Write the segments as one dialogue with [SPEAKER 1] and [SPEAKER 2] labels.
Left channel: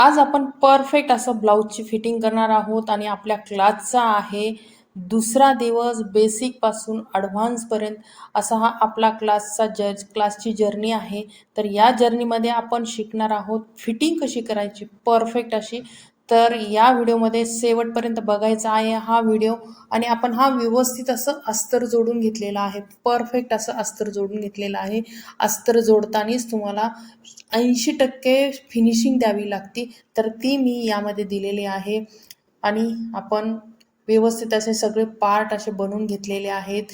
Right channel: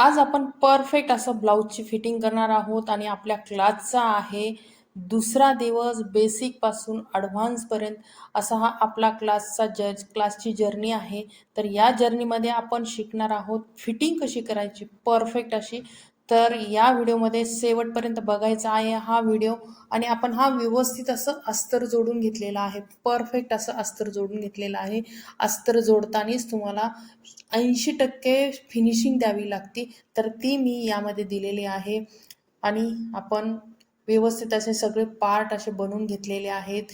[SPEAKER 1] आज आपण परफेक्ट असं ब्लाऊजची फिटिंग करणार आहोत आणि आपल्या क्लासचा आहे दुसरा दिवस बेसिकपासून ॲडव्हान्सपर्यंत असा हा आपला क्लासचा जर्ज क्लासची जर्नी आहे. तर या जर्नीमध्ये आपण शिकणार आहोत. फिटिंग कशी करायची? परफेक्ट अशी तर या व्हिडिओमध्ये शेवटपर्यंत बघायचा आहे हा व्हिडिओ. आणि आपण हा व्यवस्थित असं अस्तर जोडून घेतलेला आहे. परफेक्ट असं अस्तर जोडून घेतलेलं आहे. अस्तर जोडतानाच तुम्हाला ऐंशी टक्के फिनिशिंग द्यावी लागते. तर ती मी यामध्ये दिलेली आहे. आणि आपण व्यवस्थित असे सगळे पार्ट असे बनवून घेतलेले आहेत.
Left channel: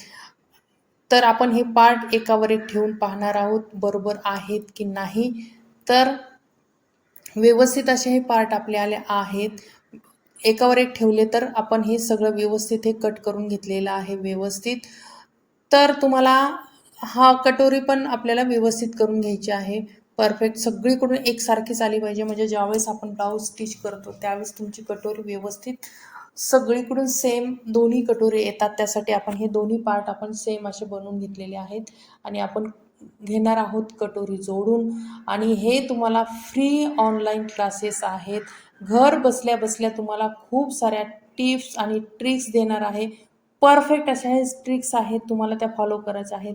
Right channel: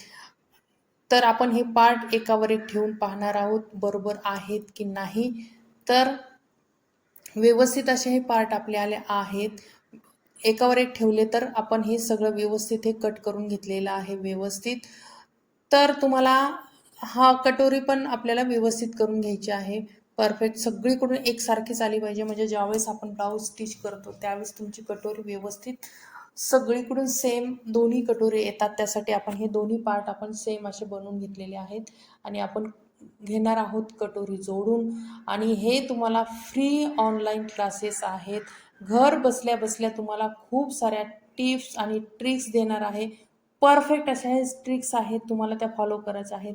[SPEAKER 1] तर आपण हे पार्ट एकावर एक ठेवून पाहणार आहोत बरोबर आहेत की नाही. तर व्यवस्थित असे हे पार्ट आपले आले आहेत. एकावर एक ठेवले तर आपण हे सगळं व्यवस्थित हे कट करून घेतलेलं आहे व्यवस्थित. तर तुम्हाला हा कटोरी पण आपल्याला व्यवस्थित करून घ्यायची आहे. परफेक्ट सगळीकडून एकसारखीच आली पाहिजे. म्हणजे ज्यावेळेस आपण ब्लाऊज स्टिच करतो त्यावेळेस तुमची कटोरी व्यवस्थित. सगळीकडून सेम दोन्ही कटोरे येतात. त्यासाठी आपण हे दोन्ही पार्ट आपण सेम असे बनवून घेतलेले आहेत. आणि आपण घेणार आहोत कटोरी जोडून. आणि हे तुम्हाला फ्री ऑनलाईन क्लासेस आहेत. घर बसल्या बसल्या तुम्हाला खूप साऱ्या टिप्स आणि ट्रिक्स देणार आहे. परफेक्ट अशा हे ट्रिक्स आहेत तुम्हाला त्या फॉलो करायच्या आहेत.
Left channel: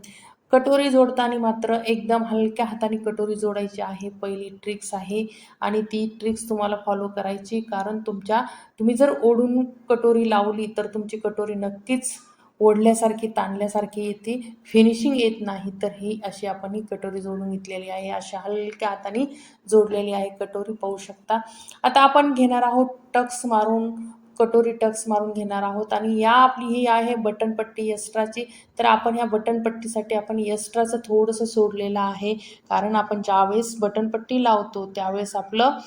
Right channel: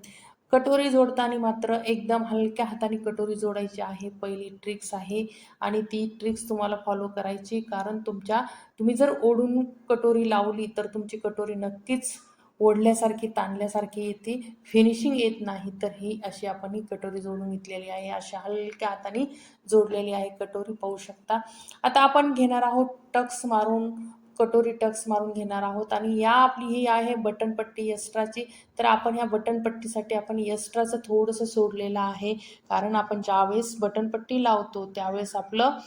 [SPEAKER 1] कटोरी जोडताना मात्र एकदम हलक्या हाताने कटोरी जोडायची आहे पहिली ट्रिक्स आहे. आणि ती ट्रिक्स तुम्हाला फॉलो करायची. कारण तुमच्या तुम्ही जर ओढून कटोरी लावली तर तुमची कटोरी नक्कीच ओढल्यासारखी ताणल्यासारखी येते फिनिशिंग येत नाही तर ही अशी आपण ही कटोरी जोडून घेतलेली आहे. अशा हलक्या हाताने जोडलेली आहे कटोरी पाहू शकता. आता आपण घेणार आहोत टक्स मारून कटोरी टक्स मारून घेणार आहोत. आणि या आपली ही आहे बटनपट्टी यस्ट्राची तर आपण ह्या बटनपट्टीसाठी आपण यस्ट्राचं थोडंसं सोडलेलं आहे. कारण आपण ज्यावेळेस बटनपट्टी लावतो त्यावेळेस आपलं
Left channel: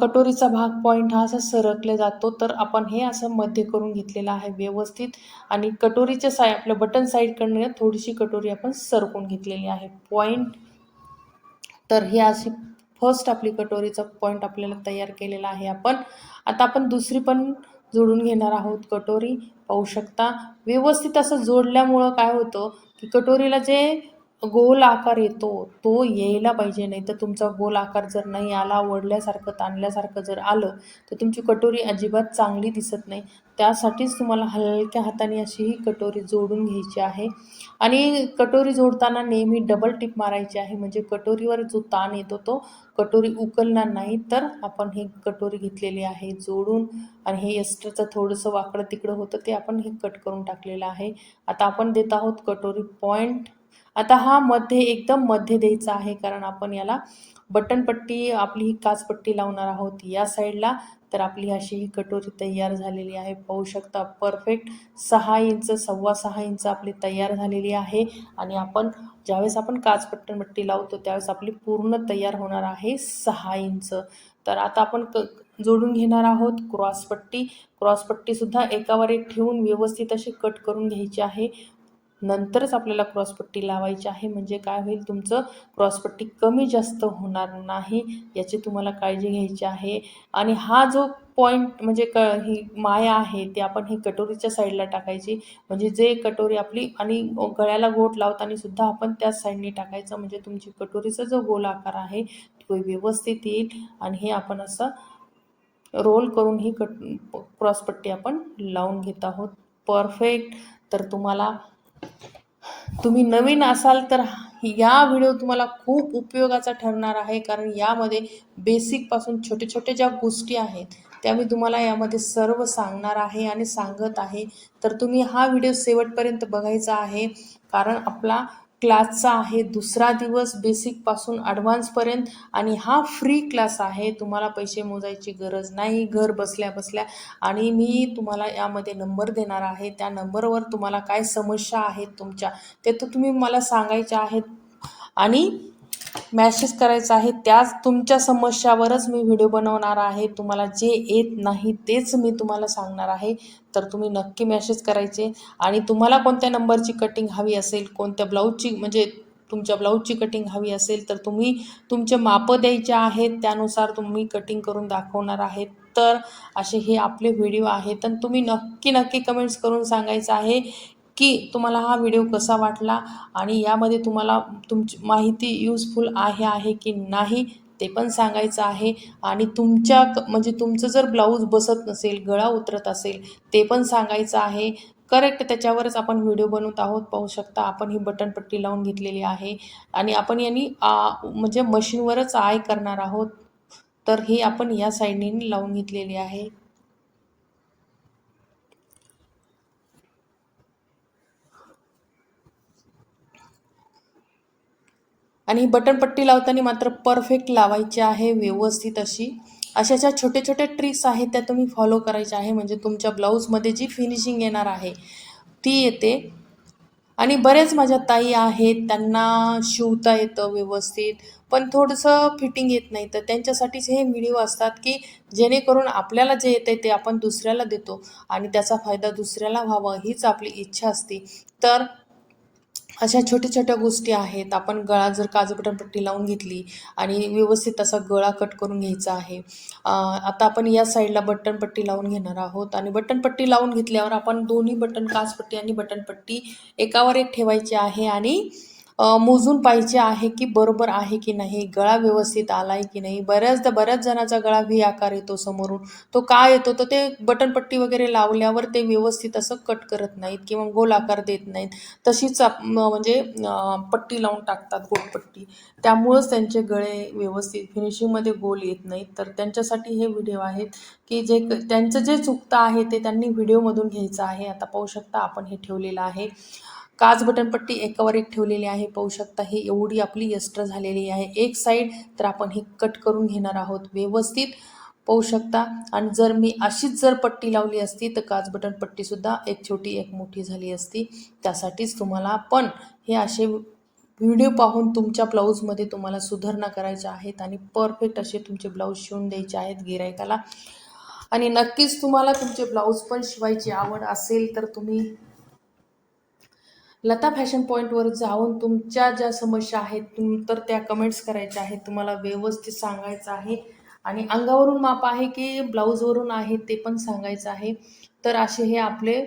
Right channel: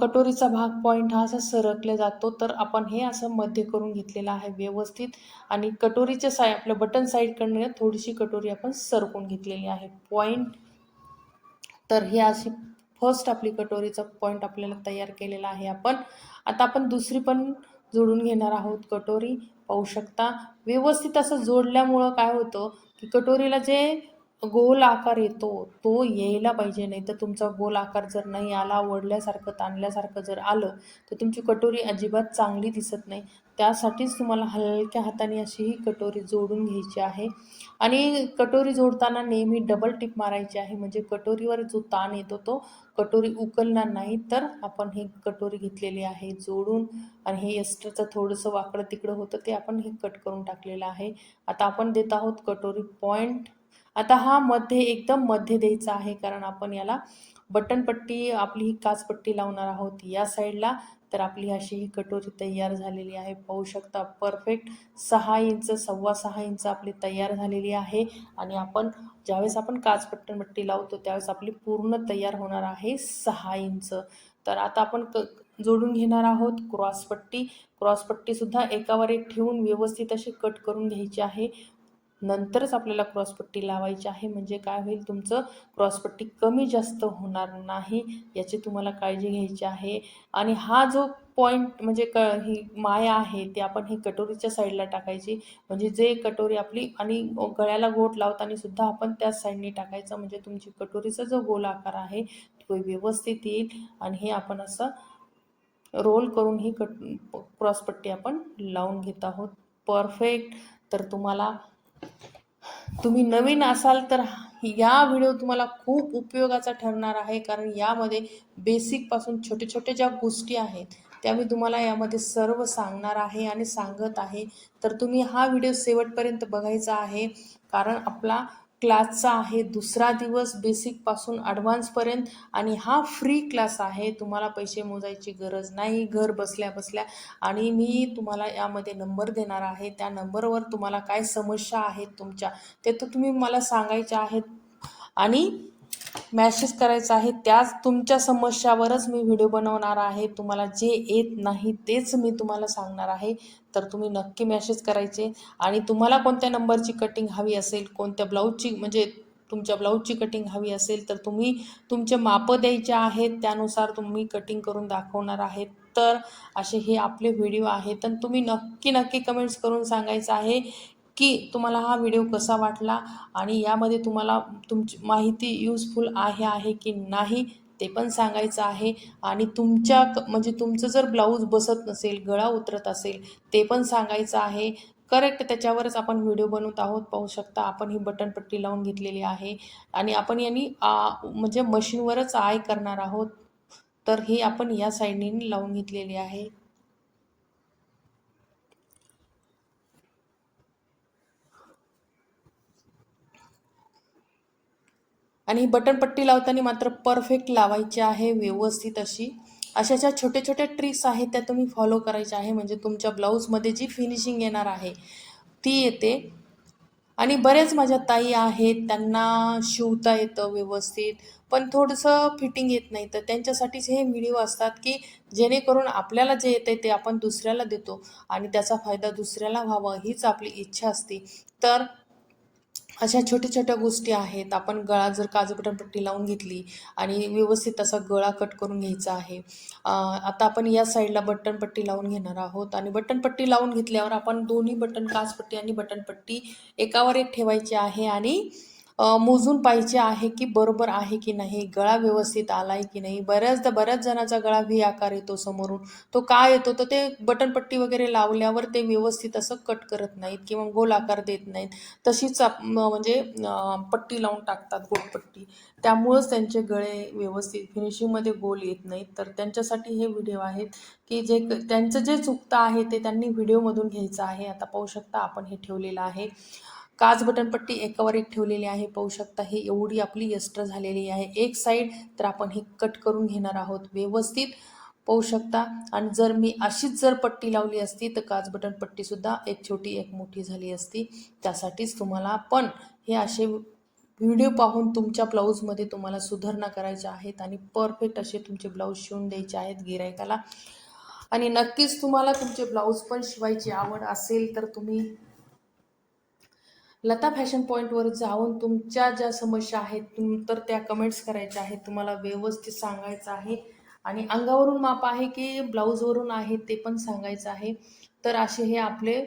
[SPEAKER 1] कटोरीचा भाग पॉईंट हा असा सरकले जातो. तर आपण हे असं मध्य करून घेतलेलं आहे व्यवस्थित. आणि कटोरीच्या साय आपल्या बटन साईडकडनं थोडीशी कटोरी आपण सरकून घेतलेली आहे. पॉईंट तर ही अशी फर्स्ट आपली कटोरीचा पॉईंट आपल्याला तयार केलेला आहे आपण. आता आपण दुसरी पण जोडून घेणार आहोत कटोरी. पाहू शकता. व्यवस्थित असं जोडल्यामुळं काय होतं की कटोरीला जे गोल आकार येतो तो यायला पाहिजे. नाही तर तुमचा गोल आकार जर नाही आला आवडल्यासारखं ताणल्यासारखं जर आलं तर तुमची कटोरी अजिबात चांगली दिसत नाही. त्यासाठीच तुम्हाला हलक्या हाताने अशी ही कटोरी जोडून घ्यायची आहे. आणि कटोरी जोडताना नेहमी डबल टिप मारायची आहे. म्हणजे कटोरीवर जो ताण येतो तो कटोरी उकलणार नाही. तर आपण ही कटोरी घेतलेली आहे जोडून. आणि हे एस्ट्राचं थोडंसं वाकडं तिकडं होतं ते आपण हे कट करून टाकलेलं आहे. आता आपण देत आहोत कटोरी पॉईंट आता हा मध्ये एकदम मध्ये द्यायचा आहे कारण आपण याला बटनपट्टी आपली ही काचपट्टी लावणार आहोत या साईडला. तर आपली अशी ही कटोरी तयार झालेली आहे. पाहू शकता परफेक्ट सहा इंच सव्वा सहा इंच आपली तयार झालेली आहे. आणि आपण ज्यावेळेस आपण काचपट्टनपट्टी लावतो त्यावेळेस आपली पूर्ण तयार होणार आहे सहा इंच. तर आता आपण क जोडून घेणार आहोत क्रॉसपट्टी क्रॉसपट्टीसुद्धा एकावर एक ठेवून व्यवस्थित अशी कट करून घ्यायची आहे. नंतरच आपल्याला क्रॉसपट्टी लावायची आहे. म्हणजे काय होईल? तुमचं क्रॉसपट्टी कमी जास्त होणार नाही याची तुम्हाला काळजी घ्यायची आहे. आणि हा जो पॉईंट म्हणजे क ही माया आहे ती आपण ही कटोरीच्या साईडला टाकायची. म्हणजे जे कटोरी आपली आणि गळ्याला गोट लावताना सुद्धा आपण त्याच साईडने टाकायचं. म्हणजे तुमची कटोरीचा जो गोल आकार आहे तो व्यवस्थित येईल. आणि हे आपण असं रोल करून ही कट क्रॉसपट्टी आपण लावून घेत आहोत. परफेक्ट. तर तुम्हाला तुम्ही नवीन असाल तर या व्हिडिओ तुम्हाला खूप उपयोगाचा ठरणार आहे कारण यामध्ये बेसिकपासून छोटे छोटे ज्या गोष्टी आहेत त्या मी तुम्हाला यामध्ये सर्व सांगणार आहे आणि सांगत आहे. तर तुम्ही हा व्हिडिओ शेवटपर्यंत बघायचा आहे कारण आपला क्लासचा आहे दुसरा दिवस बेसिकपासून ॲडव्हान्सपर्यंत आणि हा फ्री क्लास आहे. तुम्हाला पैसे मोजायची गरज नाही घर बसल्या बसल्या. आणि मी तुम्हाला यामध्ये नंबर देणार आहे. त्या नंबरवर तुम्हाला काय समस्या आहेत तुमच्या ते तर तुम्ही मला सांगायच्या आहेत. आणि मॅसेज करायचा आहे. त्याच तुमच्या समस्यावरच मी व्हिडिओ बनवणार आहे. तुम्हाला जे येत नाही तेच मी तुम्हाला सांगणार आहे. तर तुम्ही नक्की मॅसेज करायचे. आणि तुम्हाला कोणत्या नंबरची कटिंग हवी असेल कोणत्या ब्लाऊजची म्हणजे तुमच्या ब्लाऊजची कटिंग हवी असेल तर तुम्ही तुमचे मापं द्यायचे आहेत. त्यानुसार तुम्ही कटिंग करून दाखवणार आहेत. तर असे हे आपले व्हिडिओ आहेत. आणि तुम्ही नक्की नक्की कमेंट्स करून सांगायचं आहे की तुम्हाला हा व्हिडिओ कसा वाटला आणि यामध्ये तुम्हाला तुमची माहिती यूजफुल आहे आहे की नाही ते पण सांगायचं आहे. आणि तुमच्या क- म्हणजे तुमचं जर ब्लाऊज बसत नसेल गळा उतरत असेल ते पण सांगायचं आहे. करेक्ट त्याच्यावरच आपण व्हिडिओ बनवत आहोत. पाहू शकता आपण ही बटन पट्टी लावून घेतलेली आहे. आणि आपण यांनी आ, म्हणजे मशीनवरच आय करणार आहोत. तर ही आपण या साईडने लावून घेतलेली आहे. आणि ही बटन पट्टी लावताना मात्र परफेक्ट लावायची आहे व्यवस्थित अशी. अशा ज्या छोटे छोट्या ट्रिक्स आहेत त्या तुम्ही फॉलो करायच्या आहे. म्हणजे तुमच्या ब्लाऊजमध्ये जी फिनिशिंग येणार आहे ती येते. आणि बरेच माझ्या ताई आहेत त्यांना शिवता येतं व्यवस्थित. पण थोडंसं फिटिंग येत नाही. तर त्यांच्यासाठीच हे व्हिडिओ असतात की जेणेकरून आपल्याला जे येतं ते आपण दुसऱ्याला देतो. आणि त्याचा फायदा दुसऱ्याला व्हावा हीच आपली इच्छा असते. तर अशा छोट्या छोट्या गोष्टी आहेत. आपण गळा जर काजू बटनपट्टी लावून घेतली आणि व्यवस्थित असा गळा कट करून घ्यायचा आहे. आता आपण या साईडला बटनपट्टी लावून घेणार आहोत आणि बटनपट्टी लावून घेतल्यावर आपण दोन्ही बटन काजपट्टी आणि बटनपट्टी एकावर एक ठेवायची आहे आणि मोजून पाहिजे आहे की बरोबर आहे की नाही गळा व्यवस्थित आला आहे की नाही. बऱ्याचदा बऱ्याच जणाचा गळा व्ही आकार येतो समोरून. तो का येतो? तर ते बटनपट्टी वगैरे लावल्यावर ते व्यवस्थित असं कट करत नाहीत किंवा गोल आकार देत नाहीत. तशीच म्हणजे पट्टी लावून टाकतात गोलपट्टी त्यामुळंच त्यांचे गळे व्यवस्थित फिनिशिंगमध्ये गोल येत नाहीत. तर त्यांच्यासाठी हे व्हिडिओ आहेत की जे त्यांचं जे चुकतं आहे ते त्यांनी व्हिडिओमधून घ्यायचं आहे. आता पाहू शकता आपण हे ठेवलेलं आहे. काच बटनपट्टी एकावर एक ठेवलेली आहे. पाहू शकता हे एवढी आपली एक्स्ट्रा झालेली आहे. एक साईड तर आपण हे कट करून घेणार आहोत. व्यवस्थित पाहू शकता. आणि जर मी अशीच जर पट्टी लावली असती तर काच बटन पट्टीसुद्धा एक छोटी एक मोठी झाली असती. त्यासाठीच तुम्हाला पण हे असे व्हिडिओ पाहून तुमच्या ब्लाऊजमध्ये तुम्हाला सुधारणा करायच्या आहेत आणि परफेक्ट असे तुमचे ब्लाऊज शिवून द्यायचे आहेत गिरायकाला आणि नक्कीच तुम्हाला तुमचे ब्लाऊज पण शिवायची आवड असेल तर तुम्ही लता फॅशन पॉईंटवर जाऊन तुमच्या ज्या समस्या आहेत तुम तर त्या कमेंट्स करायच्या आहेत. तुम्हाला व्यवस्थित सांगायचं आहे. आणि अंगावरून माप आहे की ब्लाऊजवरून आहे ते पण सांगायचं आहे. तर असे हे आपले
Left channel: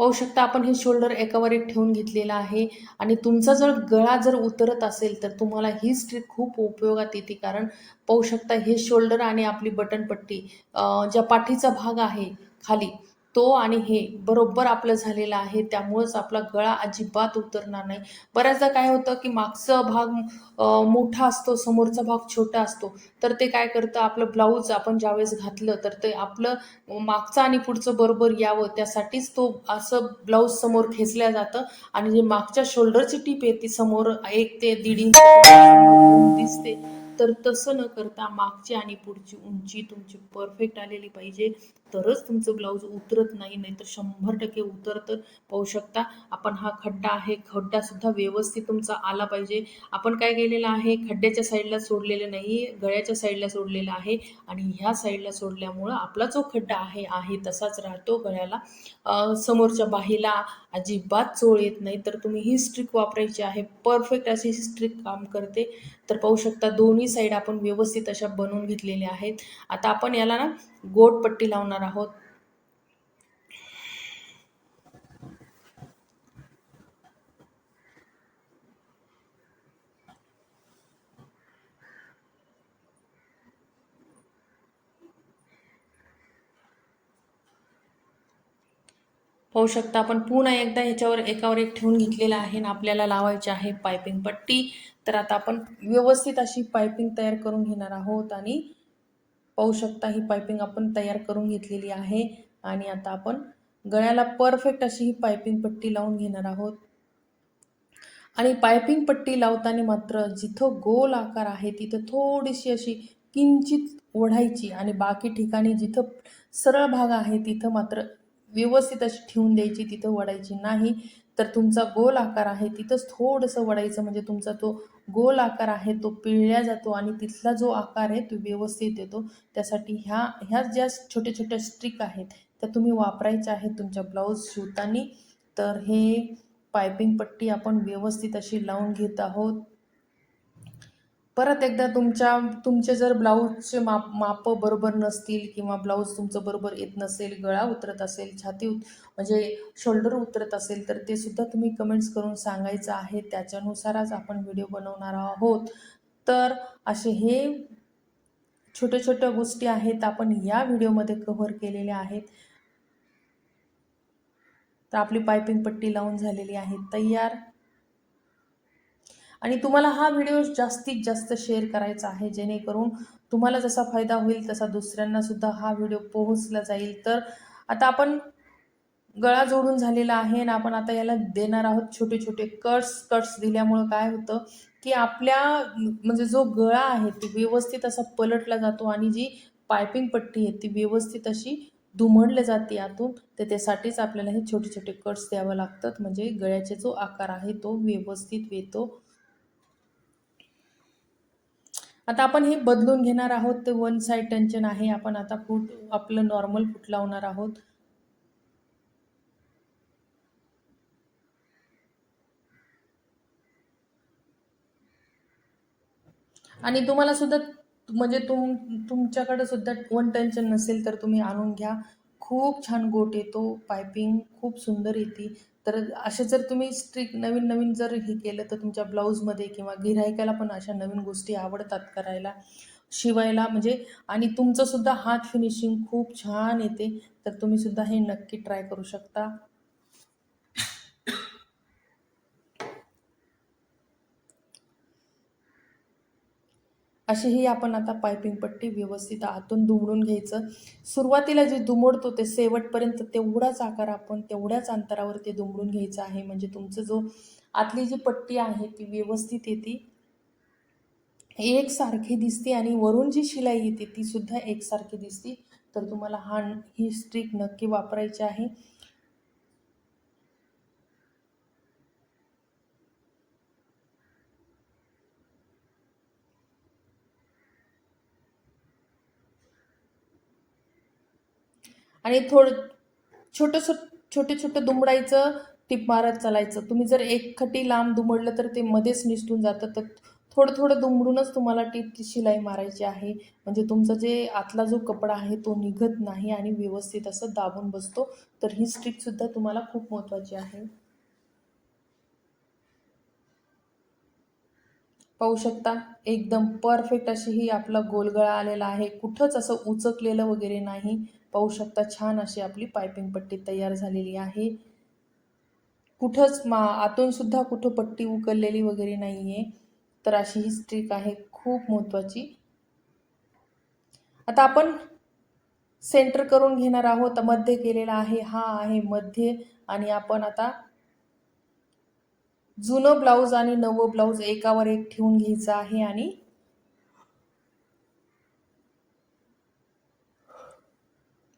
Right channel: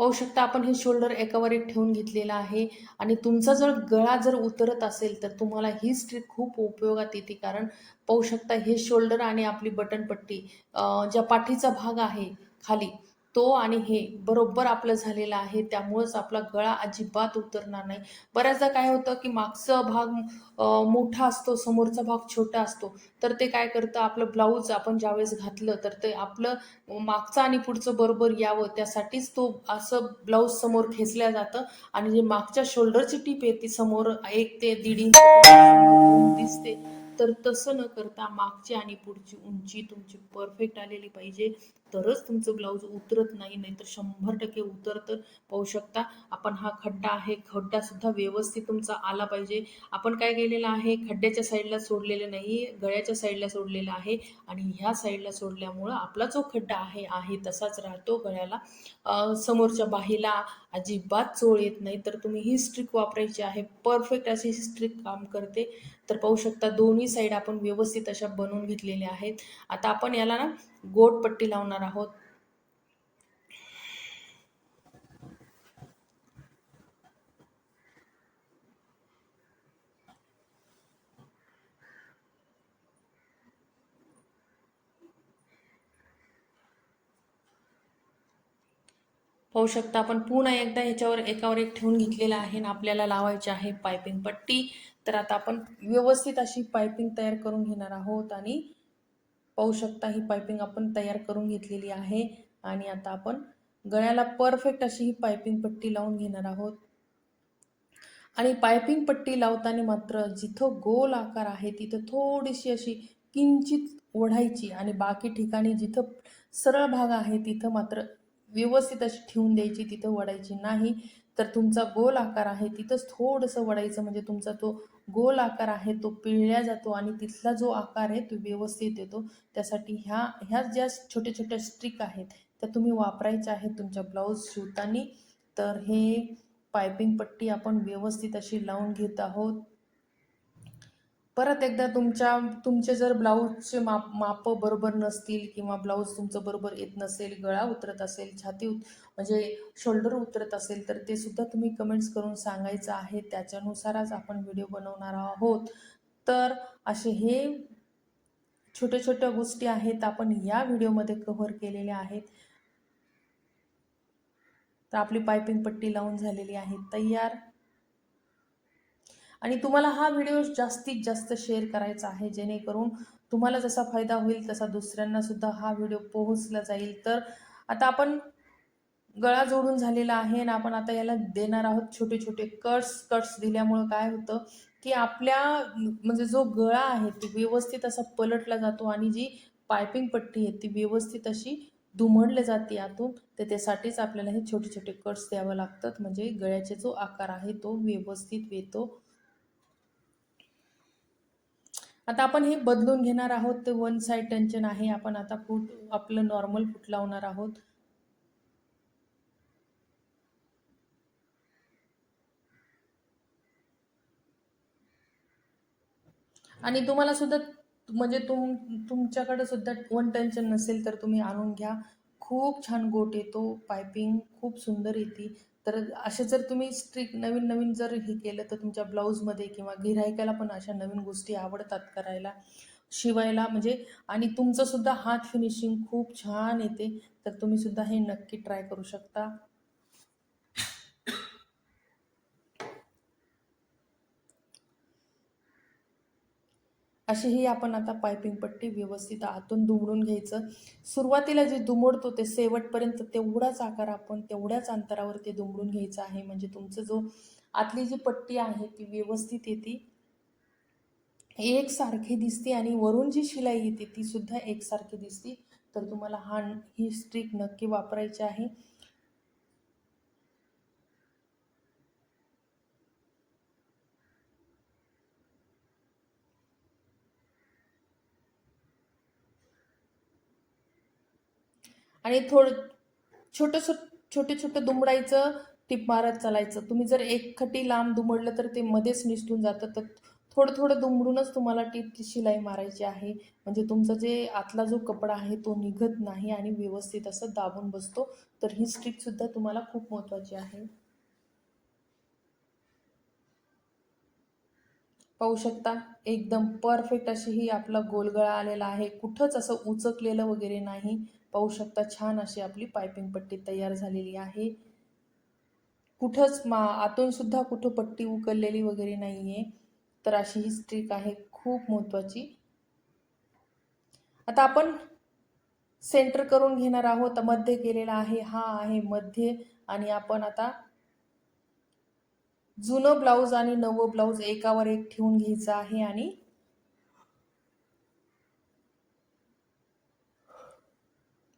[SPEAKER 1] पाहू शकता आपण हे शोल्डर एकावर एक ठेवून घेतलेलं आहे. आणि तुमचा जर गळा जर उतरत असेल तर तुम्हाला ही स्ट्रिक खूप उपयोगात येते. कारण पाहू शकता हे शोल्डर आणि आपली बटनपट्टी पट्टी ज्या पाठीचा भाग आहे खाली तो आणि हे बरोबर आपलं झालेलं आहे त्यामुळेच आपला गळा अजिबात उतरणार नाही. बऱ्याचदा काय होतं की मागचा भाग मोठा असतो समोरचा भाग छोटा असतो तर ते काय करतं आपलं ब्लाऊज आपण ज्यावेळेस घातलं तर ते आपलं मागचं आणि पुढचं बरोबर यावं त्यासाठीच तो असं ब्लाऊज समोर खेचल्या जातं आणि जे मागच्या शोल्डरची टीप आहे ती समोर एक ते दीड इंच दिसते. तर तसं न करता मागची आणि पुढची उंची तुमची परफेक्ट आलेली पाहिजे. तरच तुमचं ब्लाऊज उतरत नाही नाहीतर शंभर टक्के उतरत पाहू शकता. आपण हा खड्डा आहे खड्डा सुद्धा व्यवस्थित तुमचा आला पाहिजे. आपण काय केलेलं आहे खड्ड्याच्या साईडला सोडलेलं नाही गळ्याच्या साईडला सोडलेलं आहे. आणि ह्या साईडला सोडल्यामुळं आपला जो खड्डा आहे आहे तसाच राहतो गळ्याला. समोरच्या बाहीला अजिबात चोळ येत नाही. तर तुम्ही ही स्ट्रिक वापरायची आहे. परफेक्ट अशी ही स्ट्रिक काम करते. तर पाहू शकता दोन्ही साईड आपण व्यवस्थित अशा बनवून घेतलेल्या आहेत. आता आपण याला ना गोट पट्टी लावणार आहोत. पाहू शकता आपण. पुन्हा एकदा ह्याच्यावर एकावर एक ठेवून घेतलेला आहे आणि आपल्याला लावायची आहे पायपिंग पट्टी. तर आता आपण व्यवस्थित अशी पायपिंग तयार करून घेणार आहोत आणि पाहू शकता ही पायपिंग आपण तयार करून घेतलेली आहे. आणि आता आपण गळ्याला परफेक्ट अशी ही पायपिंग पट्टी लावून घेणार आहोत. आणि पायपिंग पट्टी लावताना मात्र जिथं गोल आकार आहे तिथं थोडीशी अशी किंचित ओढायची आणि बाकी ठिकाणी जिथं सरळ भाग आहे तिथं मात्र व्यवस्थित अशी ठेवून द्यायची तिथं वडायची नाही. तर तुमचा गोल आकार आहे तिथंच थोडंसं वडायचं. म्हणजे तुमचा तो गोल आकार आहे तो पिळल्या जातो आणि तिथला जो आकार आहे तो व्यवस्थित येतो. त्यासाठी ह्या ह्या ज्या छोट्या छोट्या स्ट्रिक आहेत त्या तुम्ही वापरायच्या आहेत तुमच्या ब्लाऊज शिवताना तर हे पायपिंग पट्टी आपण व्यवस्थित अशी लावून घेत आहोत. परत एकदा तुमच्या तुमचे जर ब्लाऊजचे माप मापं बरोबर नसतील किंवा ब्लाऊज तुमचं बरोबर येत नसेल गळा उतरत असेल छाती उत म्हणजे शोल्डर उतरत असेल तर ते सुद्धा तुम्ही कमेंट्स करून सांगायचं आहे. त्याच्यानुसारच आपण व्हिडिओ बनवणार आहोत. तर असे हे छोट्या छोट्या गोष्टी आहेत. आपण या व्हिडिओमध्ये कव्हर केलेल्या आहेत. तर आपली पायपिंग पट्टी लावून झालेली आहे. तयार आणि तुम्हाला हा व्हिडिओ जास्तीत जास्त शेअर करायचा आहे. जेणेकरून तुम्हाला जसा फायदा होईल तसा दुसऱ्यांना सुद्धा हा व्हिडिओ पोहोचला जाईल. तर आता आपण गळा जोडून झालेला आहे आणि आपण आता याला देणार आहोत छोटे छोटे कट्स कट्स दिल्यामुळं काय होतं की आपल्या म्हणजे जो गळा आहे ती व्यवस्थित असा पलटला जातो आणि जी पायपिंग पट्टी आहे ती व्यवस्थित अशी दुमडली जाते यातून तर त्यासाठीच आपल्याला हे छोटे छोटे कट्स द्यावं लागतात. म्हणजे गळ्याचा जो आकार आहे तो व्यवस्थित येतो. आता आपण हे बदलून घेणार आहोत. ते वन साईड टेन्शन आहे. आपण आता फूट आपलं नॉर्मल फूट लावणार आहोत. आणि तुम्हाला सुद्धा म्हणजे तुम तुमच्याकडे सुद्धा वन टेन्शन नसेल तर तुम्ही आणून घ्या. खूप छान गोट येतो. पायपिंग खूप सुंदर येते. तर असे जर तुम्ही स्ट्रिक नवीन नवीन जर हे केलं तर तुमच्या ब्लाऊजमध्ये किंवा गिरायकाला पण अशा नवीन गोष्टी आवडतात करायला शिवायला म्हणजे आणि तुमचंसुद्धा हात फिनिशिंग खूप छान येते. तर तुम्ही सुद्धा हे नक्की ट्राय करू शकता. अशीही आपण आता पायपिंग पट्टी व्यवस्थित आतून दुमडून घ्यायचं. सुरुवातीला जे दुमडतो ते शेवटपर्यंत तेवढाच आकार आपण तेवढ्याच अंतरावर ते दुमडून घ्यायचं आहे. म्हणजे तुमचं जो आतली जी पट्टी आहे ती व्यवस्थित येते. एकसारखी दिसते आणि वरून जी शिलाई येते ती सुद्धा एकसारखी दिसते. तर तुम्हाला हा ही स्ट्रीक नक्की वापरायची आहे. आणि थोडं छोटंसं छोटे छोटं दुमडायचं टिप मारत चालायचं. तुम्ही जर एक खटी लांब दुमडलं तर ते मध्येच निसटून जातं. तर थोडं थोडं दुमडूनच तुम्हाला टिपची शिलाई मारायची आहे. म्हणजे तुमचा जे आतला जो कपडा आहे तो निघत नाही आणि व्यवस्थित असं दाबून बसतो. तर ही स्ट्रिकसुद्धा तुम्हाला खूप महत्त्वाची आहे. पाहू शकता एकदम परफेक्ट अशी ही आपला गोलगळा आलेला आहे. कुठंच असं उचकलेलं वगैरे नाही. पाहू शकता छान अशी आपली पायपिंग पट्टी तयार झालेली आहे. कुठंच मा आतून सुद्धा कुठं पट्टी उकललेली वगैरे नाही आहे तर अशी ही स्ट्रिक आहे खूप महत्त्वाची आता आपण सेंटर करून घेणार आहोत मध्ये केलेला आहे हा आहे मध्ये. आणि आपण आता जुनं ब्लाऊज आणि नवं ब्लाऊज एकावर एक ठेवून घ्यायचं आहे आणि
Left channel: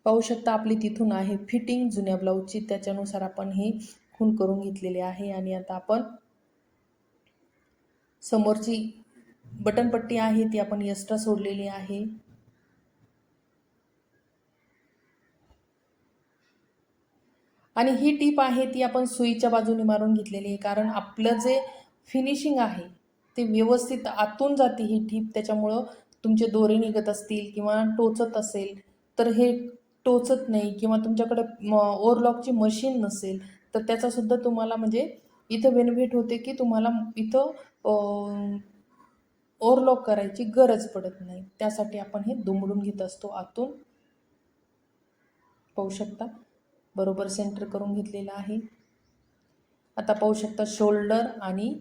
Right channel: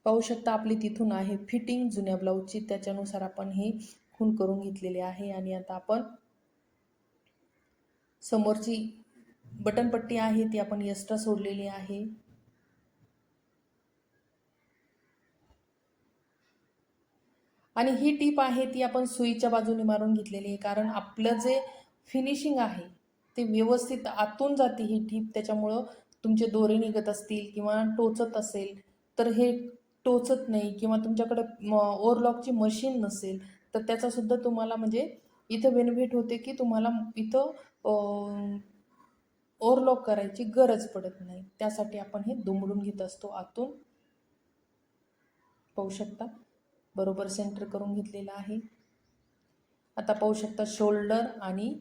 [SPEAKER 1] पाहू शकता आपली तिथून आहे फिटिंग जुन्या ब्लाऊजची. त्याच्यानुसार आपण हे खून करून घेतलेले आहे. आणि आता आपण समोरची बटनपट्टी आहे ती आपण एक्स्ट्रा सोडलेली आहे. आणि ही टीप आहे ती आपण सुईच्या बाजूने मारून घेतलेली आहे. कारण आपलं जे फिनिशिंग आहे ते व्यवस्थित आतून जाते ही टीप. त्याच्यामुळं तुमचे दोरे निघत असतील किंवा टोचत असेल तर हे टोचत नाही किंवा तुमच्याकडे ओव्हरलॉकची मशीन नसेल तर त्याचासुद्धा तुम्हाला म्हणजे इथं बेनिफिट होते की तुम्हाला इथं ओव्हरलॉक करायची गरज पडत नाही. त्यासाठी आपण हे दुमडून घेत असतो. आतून पाहू शकता. बरोबर सेंटर करून घेतलेलं आहे. आता पाहू शकता शोल्डर आणि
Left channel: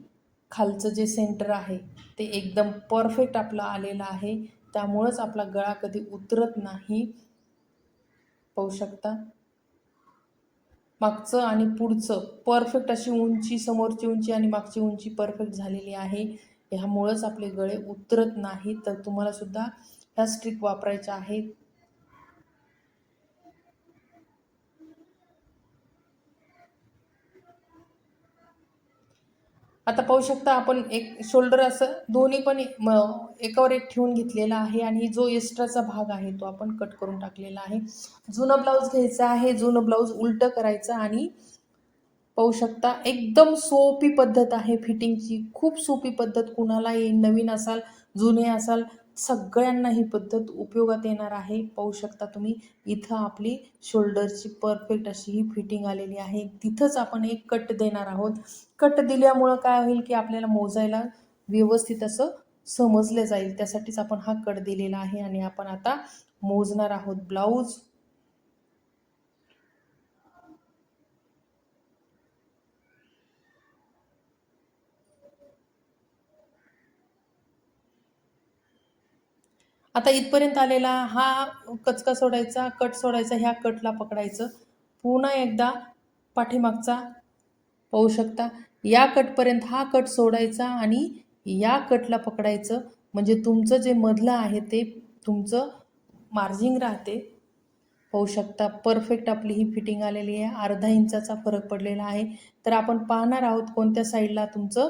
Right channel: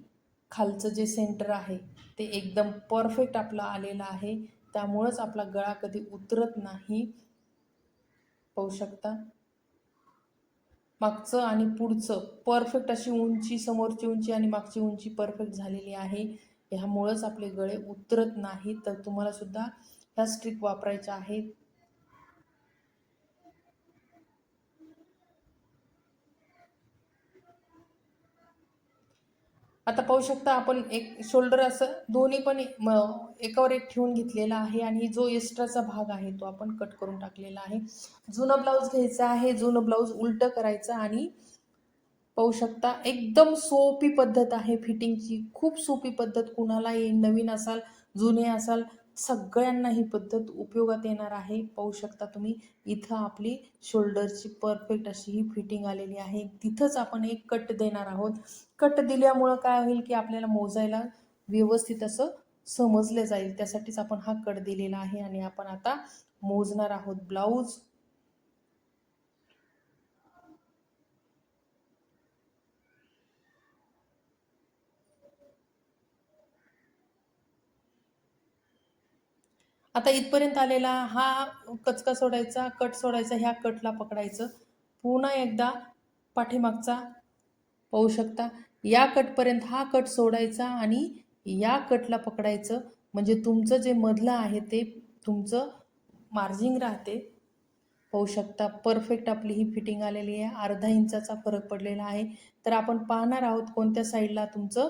[SPEAKER 1] खालचं जे सेंटर आहे ते एकदम परफेक्ट आपलं आलेलं आहे. त्यामुळंच आपला गळा कधी उतरत नाही. पाहू शकता. मागचं आणि पुढचं परफेक्ट अशी उंची समोरची उंची आणि मागची उंची परफेक्ट झालेली आहे. ह्यामुळंच आपले गळे उतरत नाही तर तुम्हाला सुद्धा ह्या स्ट्रिक वापरायच्या आहेत. आता पाहू शकता आपण एक शोल्डर असं दोन्ही पण एकावर एक ठेवून घेतलेला आहे आणि जो एक्स्ट्राचा भाग आहे तो आपण कट करून टाकलेला आहे. जुनं ब्लाऊज घ्यायचा आहे जुनं ब्लाऊज उलटं करायचं आणि पाहू शकता एकदम सोपी पद्धत आहे फिटिंगची खूप सोपी पद्धत. कुणालाही नवीन असाल जुने असाल सगळ्यांना ही पद्धत उपयोगात येणार आहे. पाहू शकता तुम्ही इथं आपली शोल्डरची परफेक्ट अशी ही फिटिंग आलेली आहे. तिथंच आपण एक कट देणार आहोत. कट दिल्यामुळं काय होईल की आपल्याला मोजायला व्यवस्थित असं समजलं जाईल. त्यासाठीच आपण हा कट दिलेला आहे आणि आपण आता मोजणार आहोत ब्लाऊज. आता इथपर्यंत आलेला हा कचका सोडायचा कट सोडायचा ह्या कटला पकडायचं. पुन्हा एकदा पाठीमागचा पाहू शकता. या कटपर्यंत हा कट सोडायचा आणि या कटला पकडायचं. म्हणजे तुमचं जे मधलं आहे ते तुमचं मार्जिंग राहते. पाहू शकता परफेक्ट आपली ही फिटिंग आलेली आहे. अर्धा इंचाचा फरक पडलेला आहे. तर आपण पाहणार आहोत कोणत्या साईडला तुमचं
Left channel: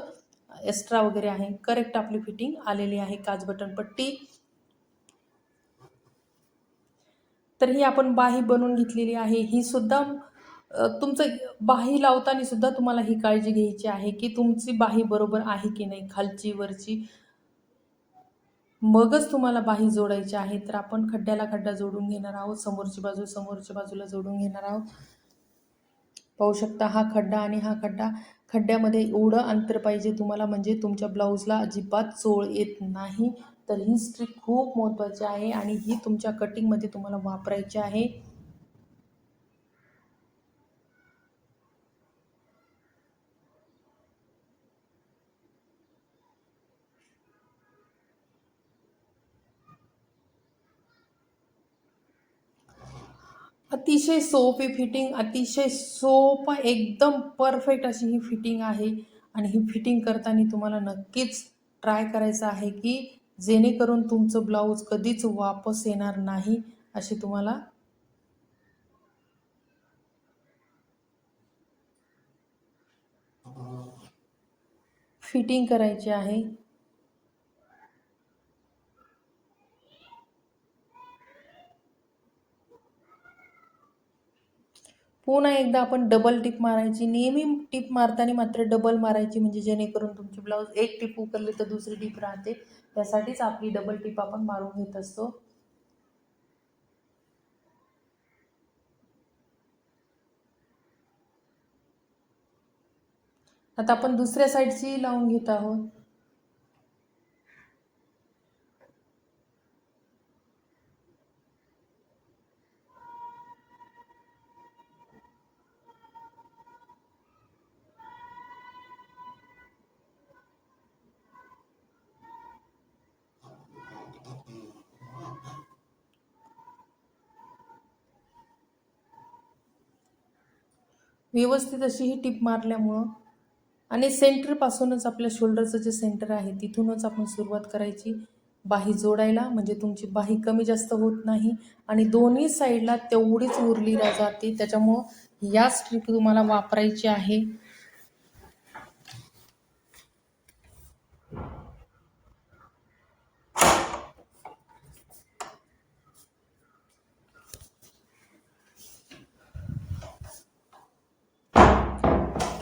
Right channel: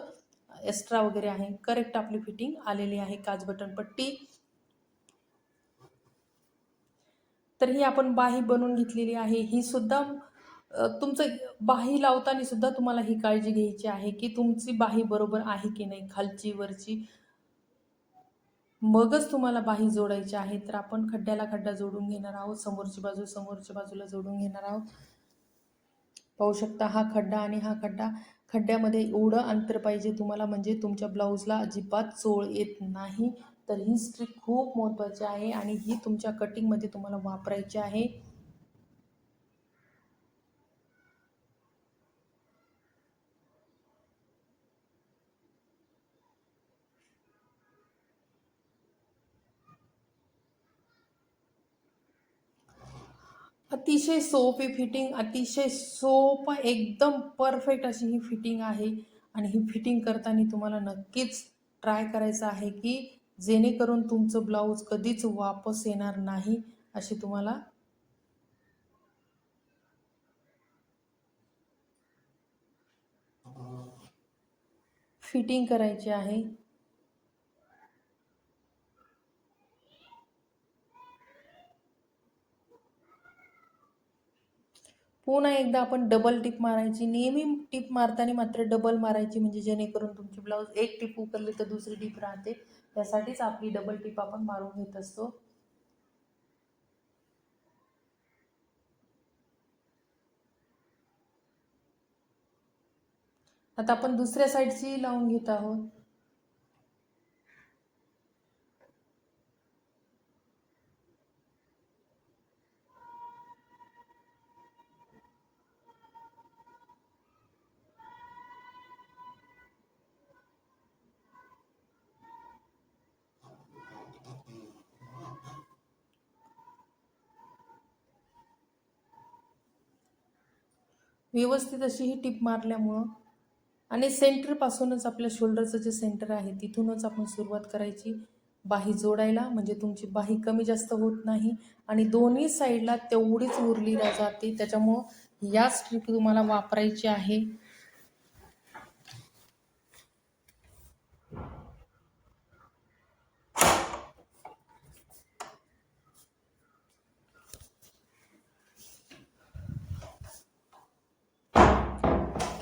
[SPEAKER 1] एक्स्ट्रा वगैरे आहे. करेक्ट आपली फिटिंग आलेली आहे. काच बटन पट्टी. तर ही आपण बाही बनवून घेतलेली आहे. ही सुद्धा तुमचं बाही लावताना सुद्धा तुम्हाला ही काळजी घ्यायची आहे की तुमची बाही बरोबर आहे की नाही खालची वरची? मगच तुम्हाला बाही जोडायची आहे. तर आपण खड्ड्याला खड्डा जोडून घेणार आहोत. समोरची बाजू समोरच्या बाजूला जोडून घेणार आहोत. पाहू शकता हा खड्डा आणि हा खड्डा खड्ड्यामध्ये एवढं अंतर पाहिजे तुम्हाला म्हणजे तुमच्या ब्लाऊजला अजिबात चोळ येत नाही. तर ही स्ट्रिक खूप महत्त्वाची आहे आणि ही तुमच्या कटिंगमध्ये तुम्हाला वापरायची आहे. अतिशय सोपी फिटिंग अतिशय सोपं एकदम परफेक्ट अशी ही फिटिंग आहे. आणि ही फिटिंग करताना तुम्हाला नक्कीच ट्राय करायचं आहे की जेणेकरून तुमचं ब्लाऊज कधीच वापस येणार नाही अशी तुम्हाला फिटिंग करायची आहे. पुन्हा एकदा आपण डबल टिप मारायची. नेहमी टिप मारताना मात्र डबल मारायची म्हणजे जेणेकरून तुमची ब्लाऊज एक टिप उकरली तर दुसरी टिप राहते. त्यासाठीच आपली डबल टिप आपण मारून घेत असतो. आता आपण दुसऱ्या साईडची लावून घेत आहोत. व्यवस्थित अशी ही टिप मारल्यामुळं आणि सेंटरपासूनच आपल्या शोल्डरचं जे सेंटर आहे तिथूनच आपण सुरुवात करायची. बाही जोडायला म्हणजे तुमची बाही कमी जास्त होत नाही आणि दोन्ही साईडला तेवढीच उरली जाते त्याच्यामुळं या स्ट्रिप तुम्हाला वापरायची आहे.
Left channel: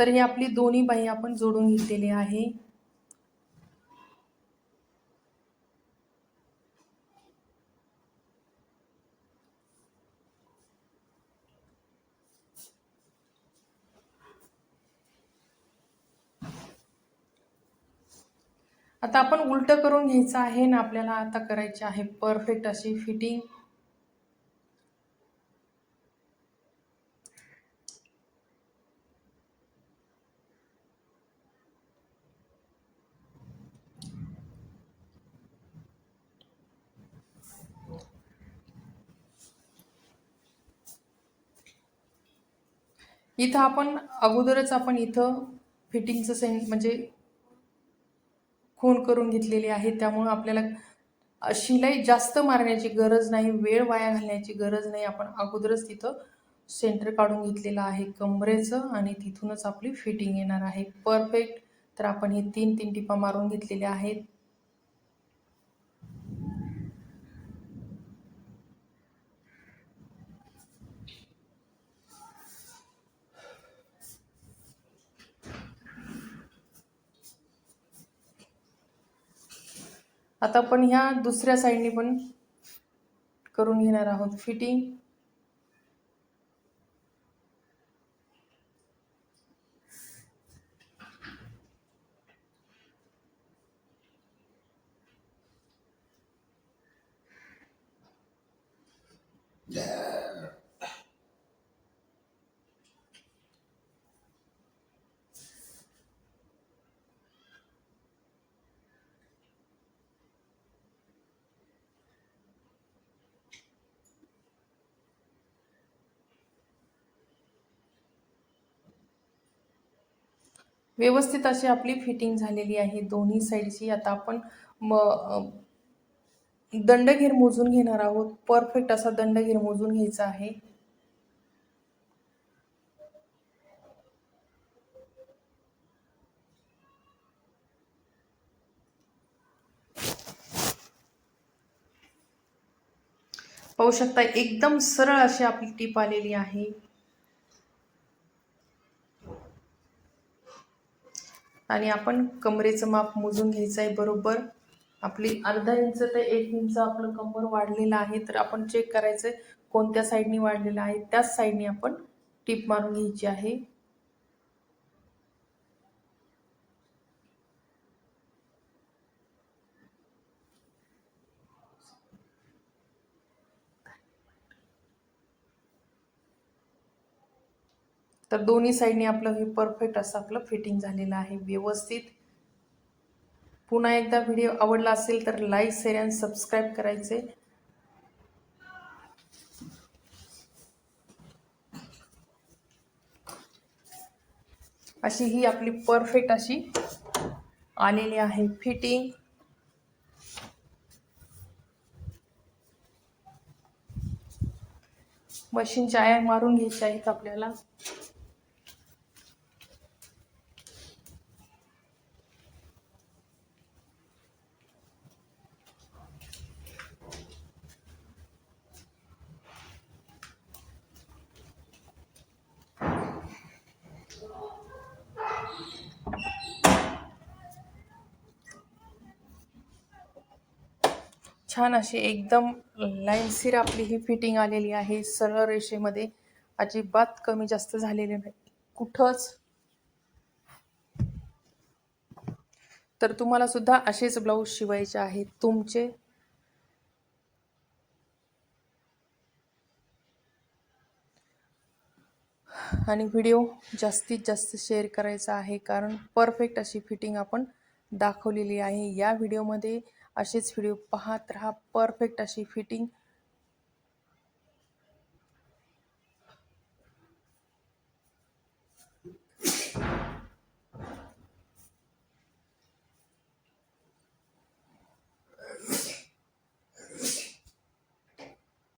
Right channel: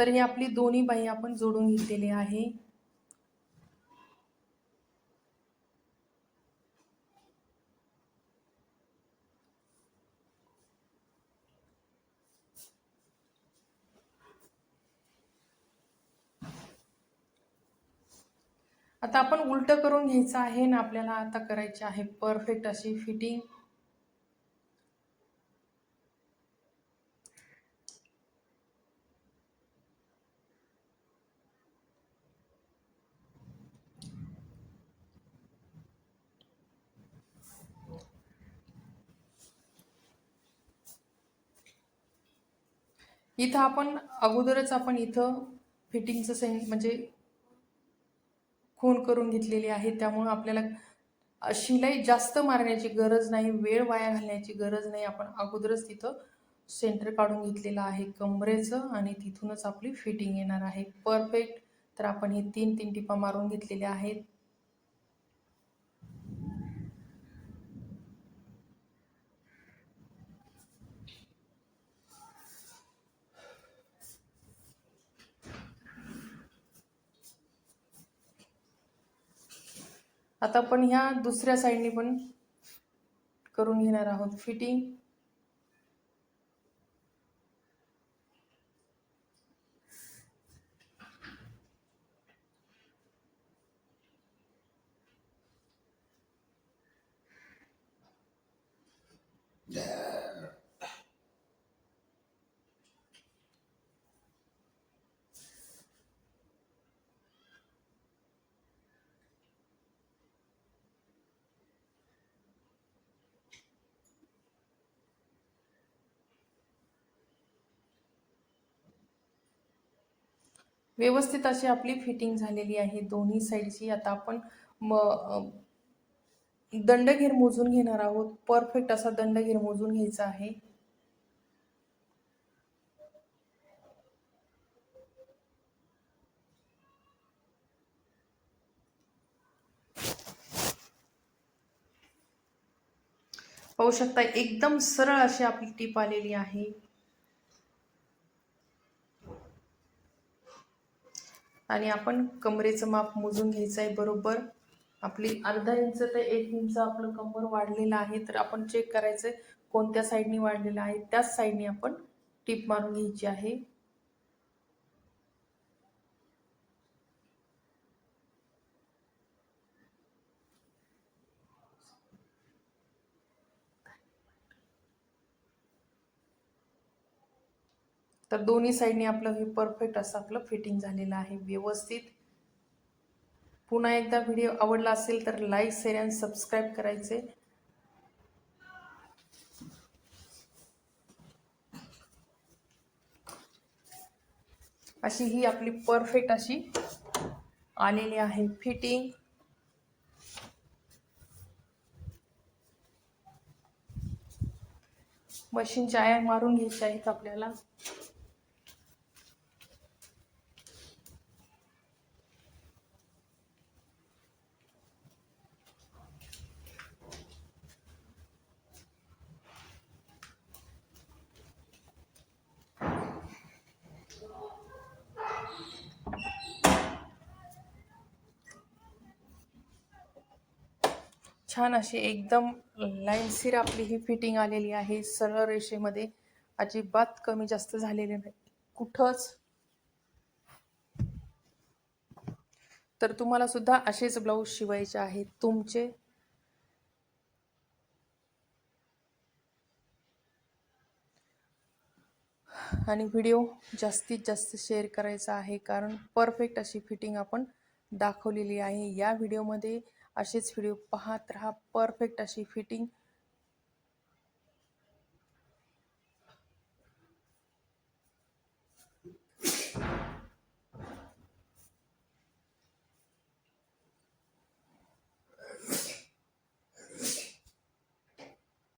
[SPEAKER 1] तर ही आपली दोन्ही बाही आपण जोडून घेतलेली आहे. आता आपण उलट करून घ्यायचं आहे ना आपल्याला आता करायची आहे परफेक्ट अशी फिटिंग इथं आपण अगोदरच आपण इथं फिटिंगचं सेन म्हणजे खून करून घेतलेली आहे. त्यामुळं आपल्याला शिलाई जास्त मारण्याची गरज नाही वेळ वाया घालण्याची गरज नाही. आपण अगोदरच तिथं सेंटर काढून घेतलेलं आहे कमरेचं आणि तिथूनच आपली फिटिंग येणार आहे. परफेक्ट तर आपण हे तीन तीन टिपा मारून घेतलेल्या आहेत. आता आपण ह्या दुसऱ्या साईडने पण करून घेणार आहोत फिटिंग. व्यवस्थित अशी आपली फिटिंग झालेली आहे. दोन्ही साईडची आता आपण म दंडघेर मोजून घेणार आहोत. परफेक्ट असा दंडघेर मोजून घ्यायचा आहे. पाहू शकता एकदम सरळ अशी आपली टीप आलेली आहे. आणि आपण कमरेचं माप मोजून घ्यायचं आहे बरोबर. आपली अर्धा इंच ते एक इंच आपलं कंबर वाढलेलं आहे तर आपण चेक करायचं आहे कोणत्या साईडनी वाढलेलं आहे. त्याच साईडने आपण टीप मारून घ्यायची आहे. तर दोन्ही साईडने आपलं हे परफेक्ट असं आपलं फिटिंग झालेलं आहे. व्यवस्थित. पुन्हा एकदा व्हिडिओ आवडला असेल तर लाईक शेअर आणि सबस्क्राईब करायचे. अशी ही आपली परफेक्ट अशी आलेली आहे फिटिंग मशीनच्या आया मारून घ्यायच्या आहेत आपल्याला. छान अशी एकदम लाईनशीर आपली ही फिटिंग आलेली आहे. सरळ रेषेमध्ये अजिबात कमी जास्त झालेले नाही. कुठंच. तर तुम्हाला सुद्धा असेच ब्लाऊज शिवायचे आहेत. तुमचे. आणि व्हिडिओ जास्तीत जास्त शेअर करायचा आहे. कारण परफेक्ट अशी फिटिंग आपण दाखवलेली आहे. या व्हिडिओमध्ये असेच व्हिडिओ पाहत राहा. परफेक्ट अशी फिटिंग